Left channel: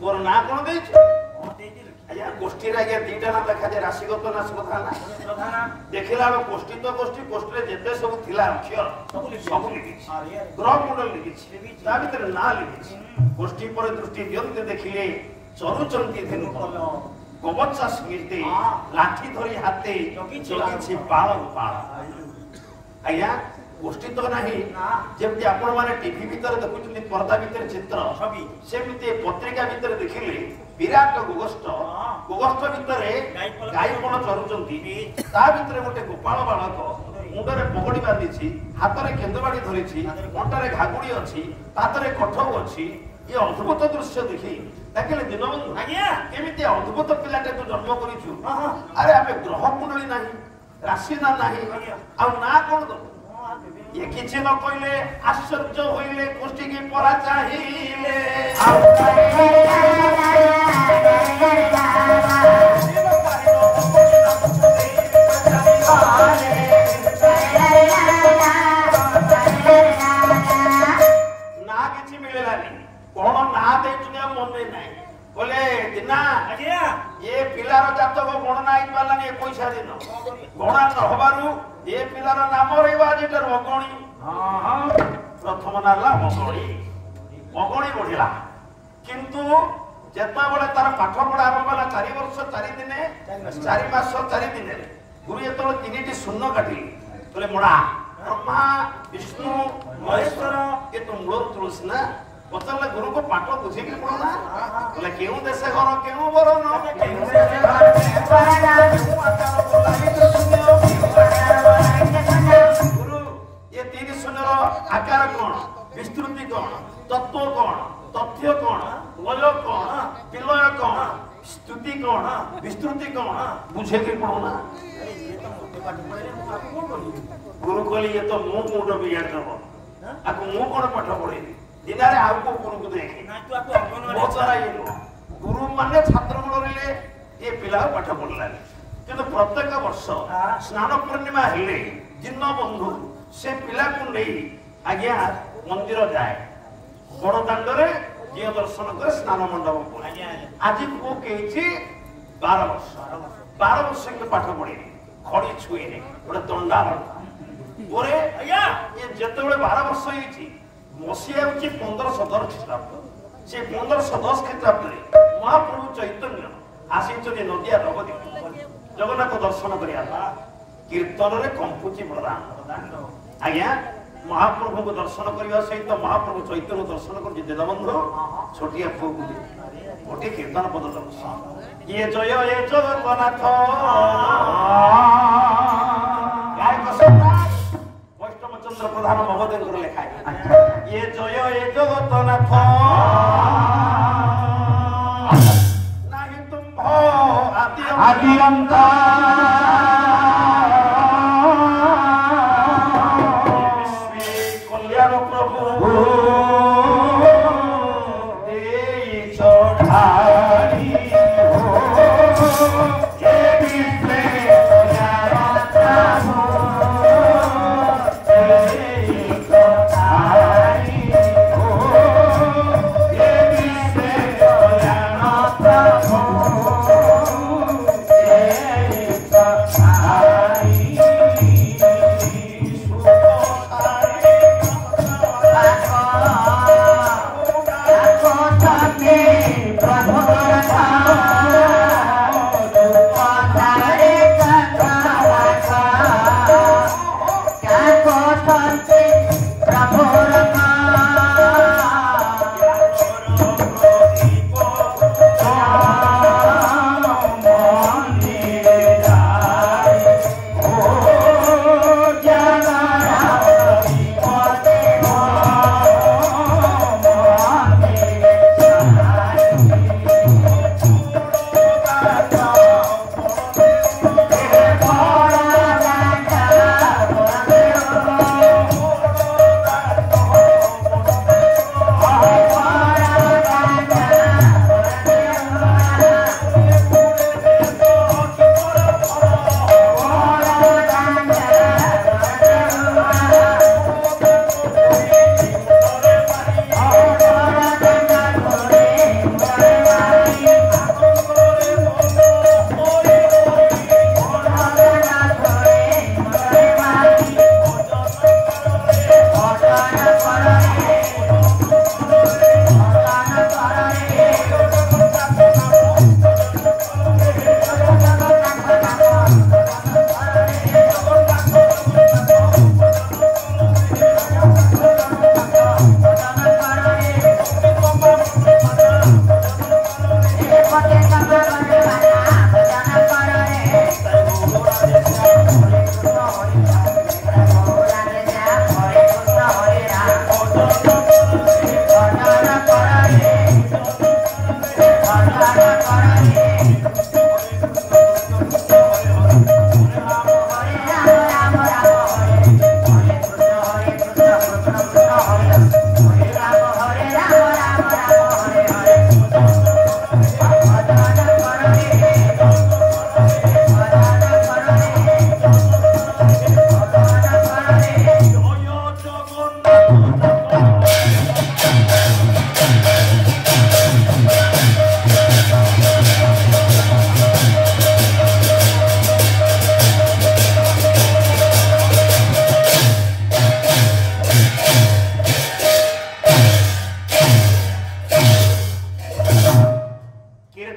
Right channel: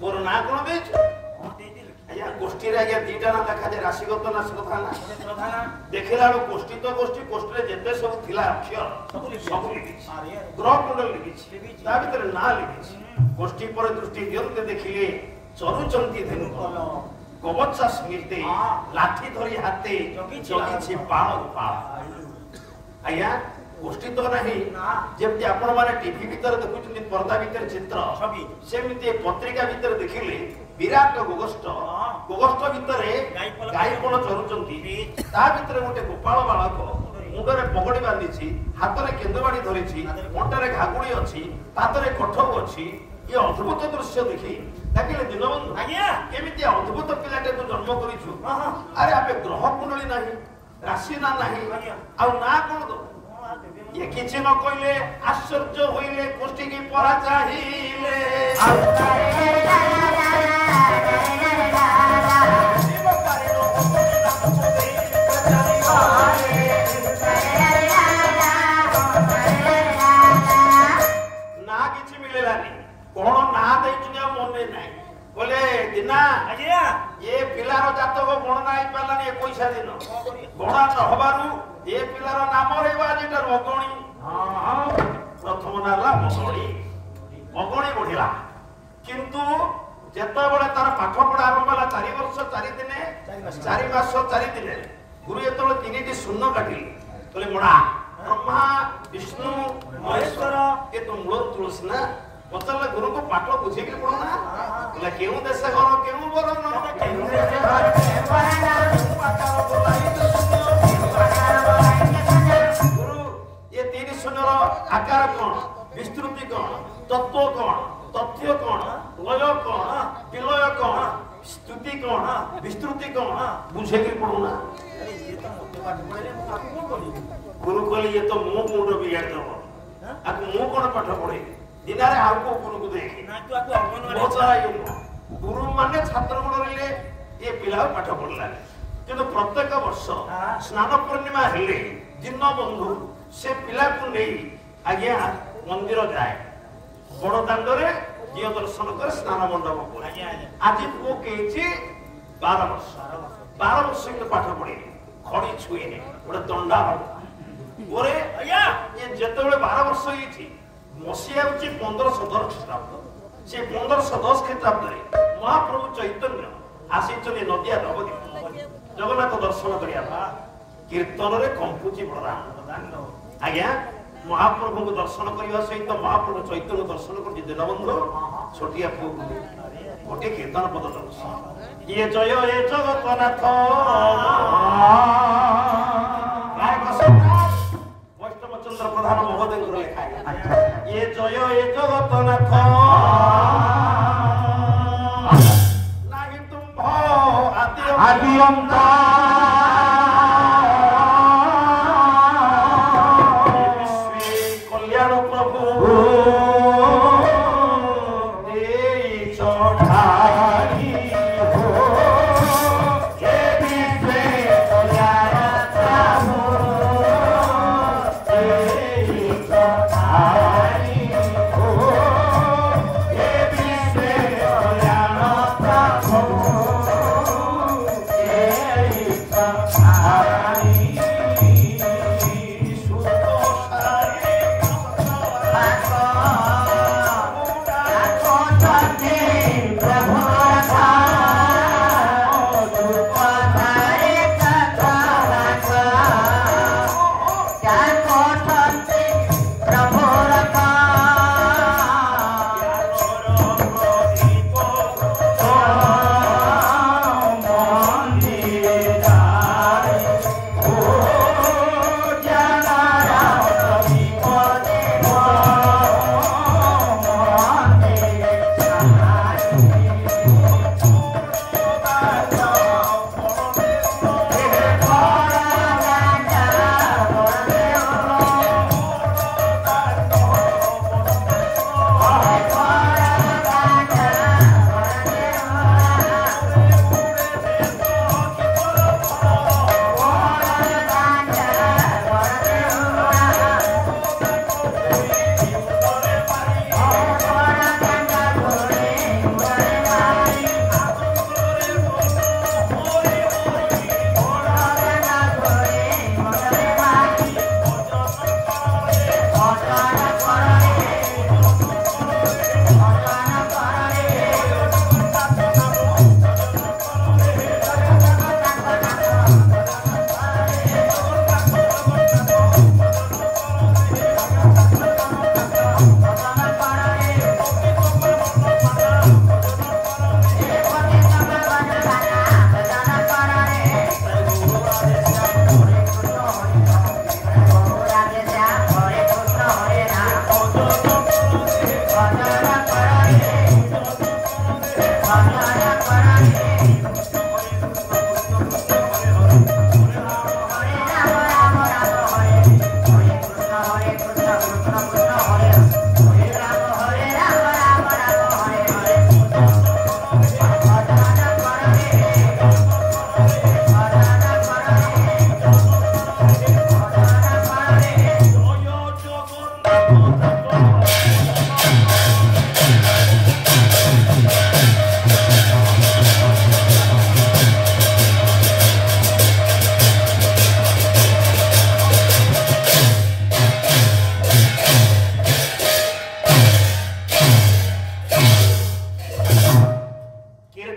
तोर ना कौन दे आज्ञा गोष्ठी रे आज्ञा दीटा ना देखा जे राशिगत ना श्रद्धा ना देखिला रो गोष्ठी तो गोष्ठी रे जेते सब थिला अक्षर सब लिखि ग्रह कुंडल लिखि ता भीतर ना लिखि गोष्ठी पर दृष्टि दियंते देखिले चरुचंती धेनु कवचा समिते लाठी धरी हाते जगी बाण गोपाल आज्ञा गोष्ठी तो नहीं जेमती आपण माने टीवी भीतर देखुछन्ती पर्दा भीतर चित्र छवि सेमती पत्रिका भीतर देखिले विराट गोगष्ठ भीतर गायपण चरुचंती ता भीतर गोटे गोपाल बालक मुंडरे पगड़ी बांधी हाथ में केंदुबाड़ी धरी अंटारे घागुड़ी अच्छी तातरे कठौ अच्छी ये अद्भुत दृश्य देखी देखिले दीनबंधु केमिति अद्भुत पिलाटे तू जन्म करिछु अरे आमे ग्रह कुंडली नाही राशि ना नाही आ ना कोन दो ये किछि न कइले आश्चर्य होइले गोष्ठी की परा चाहिले ना किछि मिलेलानी कोन ना देइछु मने नाही बोले दिना आज्ञा ये पिलार जातक गणना आई पालानी 21 दिन गणना न हबारु ये पिलार नाम रहबा जेटा रगणी प्रथम नाला मगणी बढ़िला किंतु जेता बळे तार पाठ पढा आरंभ होला 4 वर्ष 4 दिन 4 मास 4 दिन गुरु एतलो तीनटी शून्य काटिली बोले मुडा ब्रह्मा विष्णु महेश्वर के तो मूलर तुलसी ना पचारे गुरु को पाठ बुझे कि पढ़ो ना बोले केउ देश घर केउ बरन गुरु ये तीन शून्यर आकार कौन विस्तृति कौन तत्व कौन तथ्य कौन लय कौन विलय कौन स्तुति कौन विस्तृति कौन बुझे कि पढ़ो ना अरे ये तो मोटे पाठ पढ़ले मु आपको कोन बोली गुरु कहली ये तो मु मुंड बिगाड़ देबो आको मु कोन पाठ पढ़े दिनारे आउ को गुरु को देखि ना तू आको अंगनवाड़ी गुरु माने छात्र गुण रे ये पिला पाठ पढ़ला किंतु प्रत्येक वर्ष स्नान पूर्णिमा हेले दीनबंधु से पिला को नहीं आज्ञा मंदिर जाए बड़ दांड रे जे दर्शन करे स्नान मंडप को आज को केछि 12 वर्ष के पाठ पढ़ी खड़ी छुईने गोटे दंडा ओरे आज्ञा ये जेतेबेले 12 वर्ष होईछि मसिया होछि 1510 ख्रीष्टाब्द से 1510 ख्रीष्टाब्द रे महाप्रभु चैतन्य आसीचने नदिया नवद्वीप जगन्नाथ दर्शन करिया कीर्तन रे कंपुची प्रदान आज्ञा महाप्रभु को दर्शन करने सहित महाप्रभु चैतन्य दर्शन कर दीनबंधु छोटिया पुओ गोटे कीर्तन पद दर्शन ये जगन्नाथ वैष्णव चंद्र प्रधान महोदय लेखा ये जगन्नाथ नाही तुम आदि अंत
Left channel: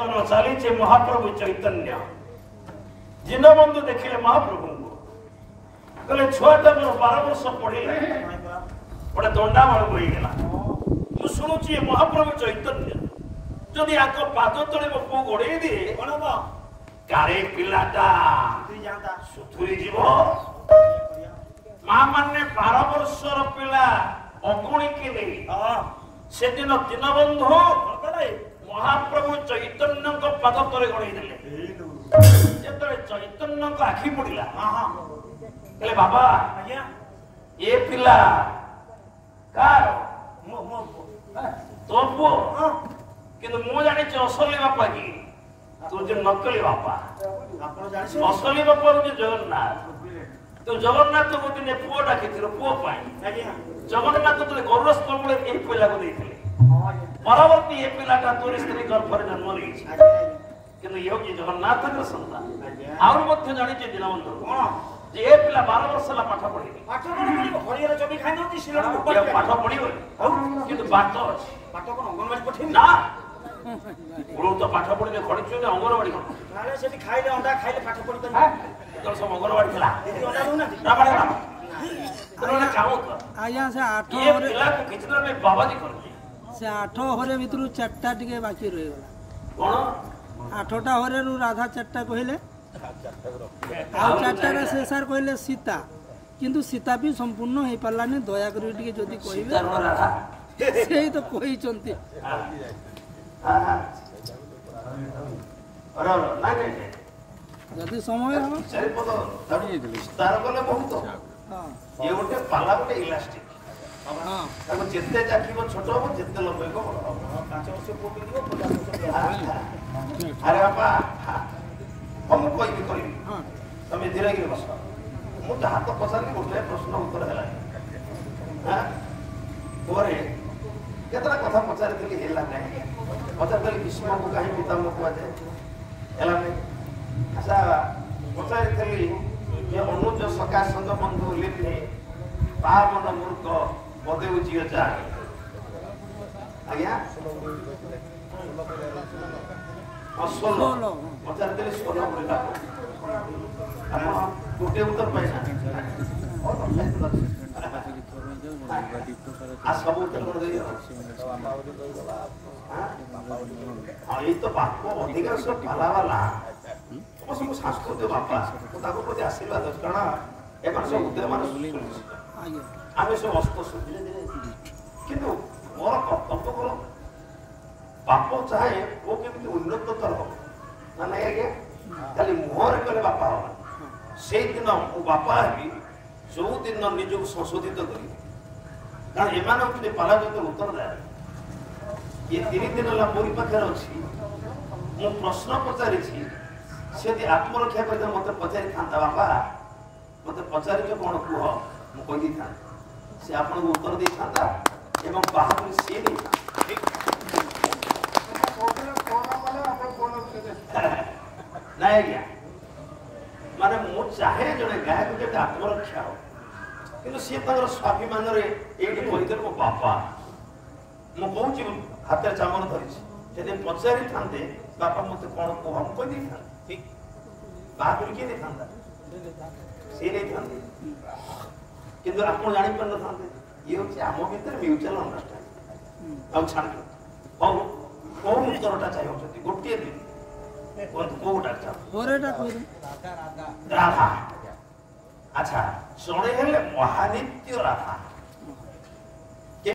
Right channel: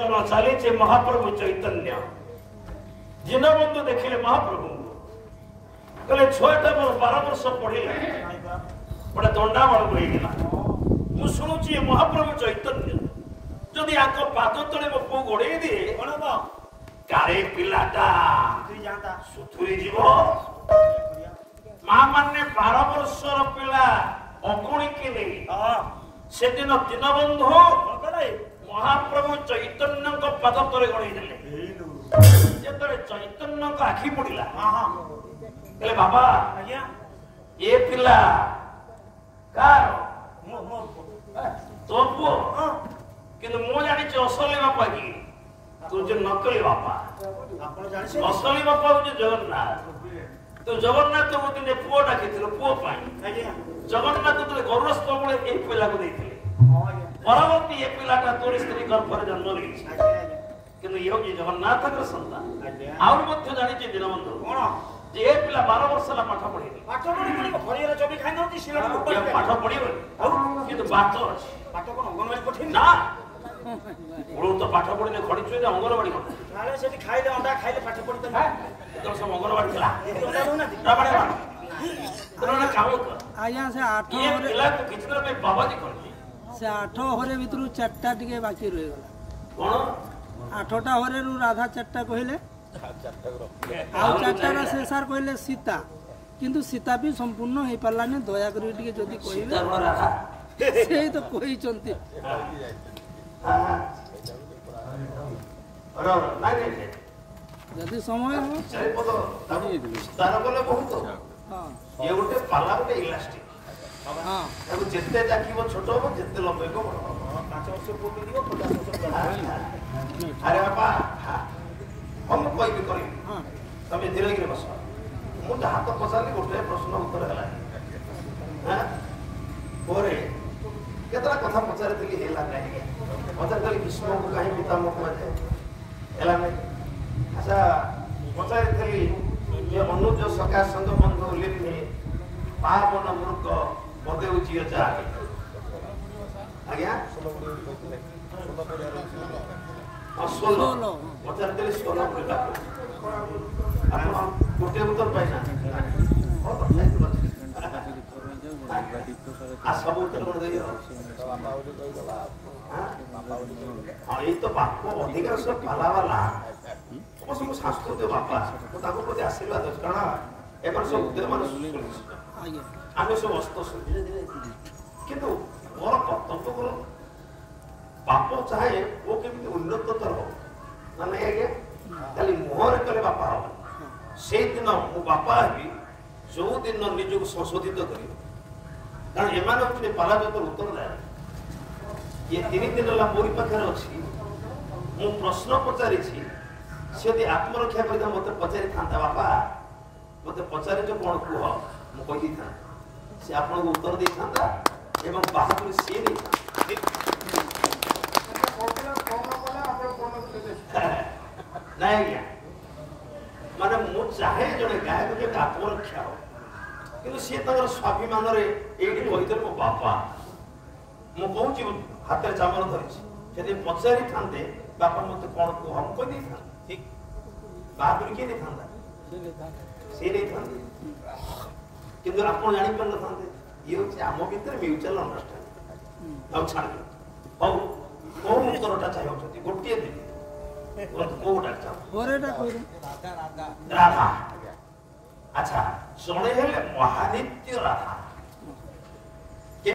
कीर्तन चली महाप्रभु चैतन्य दीनबंधु देखिले महाप्रभु कहले छुआटा मोर 12 वर्ष पढ़िले गोटे दंडाबल होईगला मु शुणुची महाप्रभु चैतन्य जदि आक पाद तले मो पु गोड़े दिए कौन कारे पिलाटा सुथुरी जीव मां माने 12 वर्षर पिला अगुणी के नहीं से दिन दीनबंधु महाप्रभु चैतन्य पाद तले गड़े देले चैतन्य आखि पड़ा कहले बाबा ये पिला कार तो पुओ किंतु मु जानी असली बापा की तू जो नकली बापा असली बापा हूँ जगन्नाथ तो जगन्नाथ को दिन पुओ डाकी पुओ जगन्नाथ तुझे गौर स्तंभ ये पिला को देते परवर्ती ये पिलाटा तोरी स्त्री गर्भर जन्म रही किंतु ये हूँ जगन्नाथ संतान आउर मध्य जानी दीनबंधु कौन जे ए पिला 12 वर्ष ला पाठ पढ़ी हरियर चबी खाई नथि सिलड़ ऊपर पाठ पढ़ी किंतु बात कोन अंगनवाड़ी पठे ना गुरु तो पाठ पढ़ी ने खड़ी छुई अंगनवाड़ी कोन ताले सेठी खाइले अंडा खाइले पाठ पढ़ी त तो सब अंगनवाड़ी खला अंडा दउ ना ना पड़े ना काम कर आया से 8 ये पिला को किचन में बाबाजी कर से 8 हरे भितरु 4टा टिके बाकी रहि गला कोन 8टा हरे रु राधा 4टा कहिले आउ 4टार शेषार कहले सीता किंतु सीता भी संपूर्ण हो पारानी दया कर जदि कहे से तो कही जदि समय ये गोटे पाला गोटे इलास्टिक ताको जेते जाकिबो छोट हो जेते लंबेको बड़ हो 5 वर्ष को भी दिबो 50 वर्ष अरे बाबा हम कोई भी करी तमे धीरे धीरे बस मु जहाँ तो पचारि गोटे प्रश्न उत्तर है पोरे केतरा कथा पचारि दिली हेला नहीं पचारि दिली भीष्म को कहीं पितामह को जाए हेला नहीं अच्छा पचारि दिली जे अनुज सका संग बंधु लिपने पावन मूर्ख बदेउ जियो जाए आज्ञा सोलो पचारि दिली सोलो बोला गोटे उत्तर पाइना आ सब उत्तर कर दे हां ये तो बाप को अधिकार सब भला वाला सब संस्कृत बापा तो ताको प्रति आशीर्वाद कारण एकर सब उद्योग मान आमे सब हस्त किंतु मोर कर्तव्य करो बाप चाहे वो केमिति उन्नततर हो ना नहीं आज्ञा खाली मुहर कले बापा हो से दिन मो बापा हेबी जो दिन निजक संशोधित कर कारण एम पाला जो उत्तर जाए ये 3 दिन है मोरी पाखे अच्छी मु प्रश्न पचारि से आत्मरक्षा कर मत पचारि था बापा मत पचारि कौन कह मु कही था से आपन को उत्तर दे था एवं बाहर सी नहीं ना आज्ञा माने मु चाहे जने गायक जे आत्मरक्षा हो किंतु सी तर स्वाभिमान रे एडी कहिदे मो बापा मु कहूची हाथ चामर धरिछि सेदि पचारि थांते बापा मते कोन को हम कहि दै था ठीक बाहर के नहीं थांता से नहीं थांते किंतु आपण जानि पर न थांते ये होची आमो भीतर म्यूचुअल अंडरस्टैंडिंग आउ छाड़ हो को उत्तरटा चाहिए होती गोटिए दिन कोटा चाहो होरेटा कोइ राधा अच्छा सोने हेले महानित्य राधा